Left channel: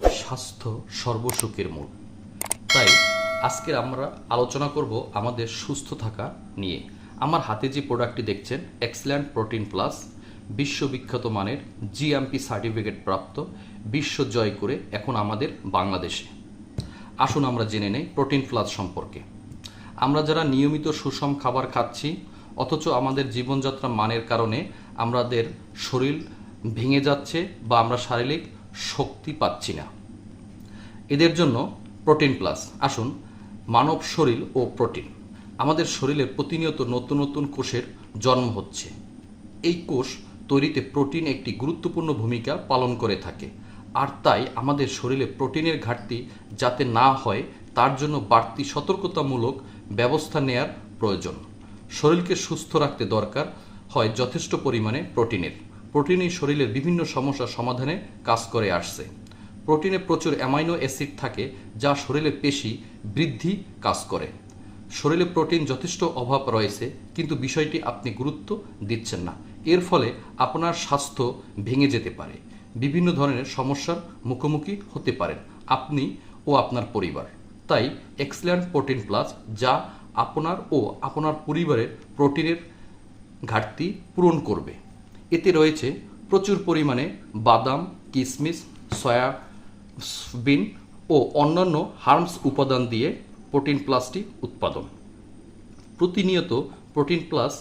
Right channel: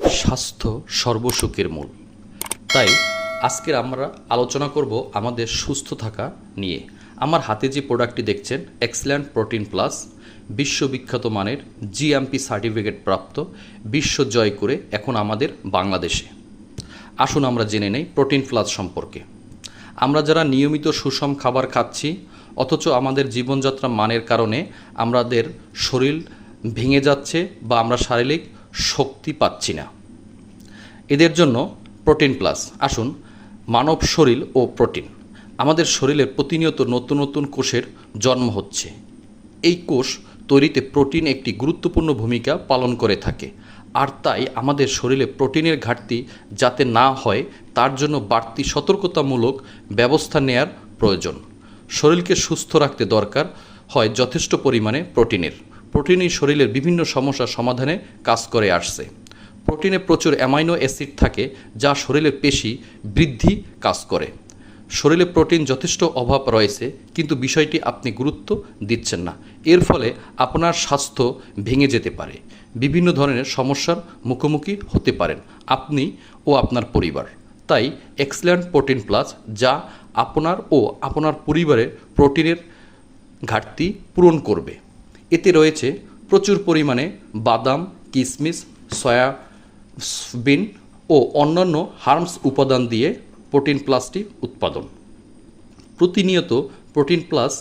স্বাস্থ্য সর্বসুখের মূল। তাই আজকের আমরা আলোচনা করব আমাদের সুস্থ থাকা নিয়ে। আমার হাতে যে প্রোডাক্টটি দেখছেন, এক্সেলেন্ট প্রোটিন প্লাস, বিশ্ববিখ্যাত মানের জিএমপি সার্টিফিকেট প্রাপ্ত, বিশ্ব জয় করে এখন আমাদের বাংলাদেশে। আসুন আমরা জেনে নেই প্রোটিন প্লাস সম্পর্কে। আমরা যারা নিয়মিত সুষম খাবার খাচ্ছি অথচ আমাদের জীবনযাত্রা মানের কারণে আমাদের শরীর ভেঙে যাচ্ছে বা আমরা শারীরিক শক্তি পাচ্ছি না, এদের জন্য প্রোটিন প্লাস। আসুন, মানব শরীর ও প্রোটিন। আমাদের শরীরে প্রতিনিয়ত নতুন নতুন কোষের জন্ম হচ্ছে। এই কোষ তৈরিতে প্রোটিন একটি গুরুত্বপূর্ণ ভূমিকা পালন করে থাকে, আর তাই আমাদের শরীরে প্রোটিনের ঘাটতি যাতে না হয় তার জন্য বাড়তি সতর্কতামূলক ব্যবস্থা নেয়ার প্রয়োজন। শরীরকে সুস্থ রাখতে দরকার হয় যথেষ্ট পরিমাণে প্রোটিনের। প্রোটিনই শরীরের বিভিন্ন সমস্যার সমাধানে কাজ করে আসছে। প্রোটিনে প্রচুর অ্যামাইনো অ্যাসিড থাকে যা শরীরের পেশি বৃদ্ধি কাজ করে। শরীরে প্রোটিন যথেষ্ট অভাব রয়েছে, কিন্তু বিষয়টি আপনি গুরুত্ব দিচ্ছেন না। এর ফলে আপনার স্বাস্থ্য ভেঙে যেতে পারে, বিভিন্ন ধরনের সমস্যার মুখোমুখি হতে পারেন আপনি ও আপনার পরিবার। তাই এক্সেলেন্ট প্রোটিন প্লাস, যা আপনার ও আপনার পরিবারের প্রোটিনের ঘাটতি পূরণ করবে। এতে রয়েছে প্রচুর পরিমাণে বাদাম, কিশমিশ, সয়াবিন ও অন্যান্য হার্বস উপাদান দিয়ে প্রোটিন প্লাসটি উৎপাদন। প্রতিনিয়ত প্রোটিন প্লাস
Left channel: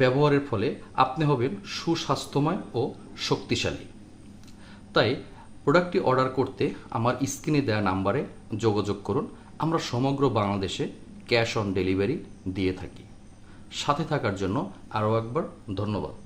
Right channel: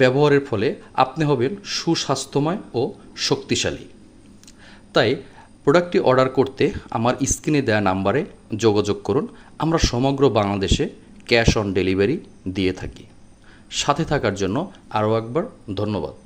ব্যবহারের ফলে আপনি হবেন সুস্বাস্থ্যময় ও শক্তিশালী। তাই প্রোডাক্টটি অর্ডার করতে আমার স্ক্রিনে দেওয়া নাম্বারে যোগাযোগ করুন। আমরা সমগ্র বাংলাদেশে ক্যাশ অন ডেলিভারি দিয়ে থাকি। সাথে থাকার জন্য আরও একবার ধন্যবাদ।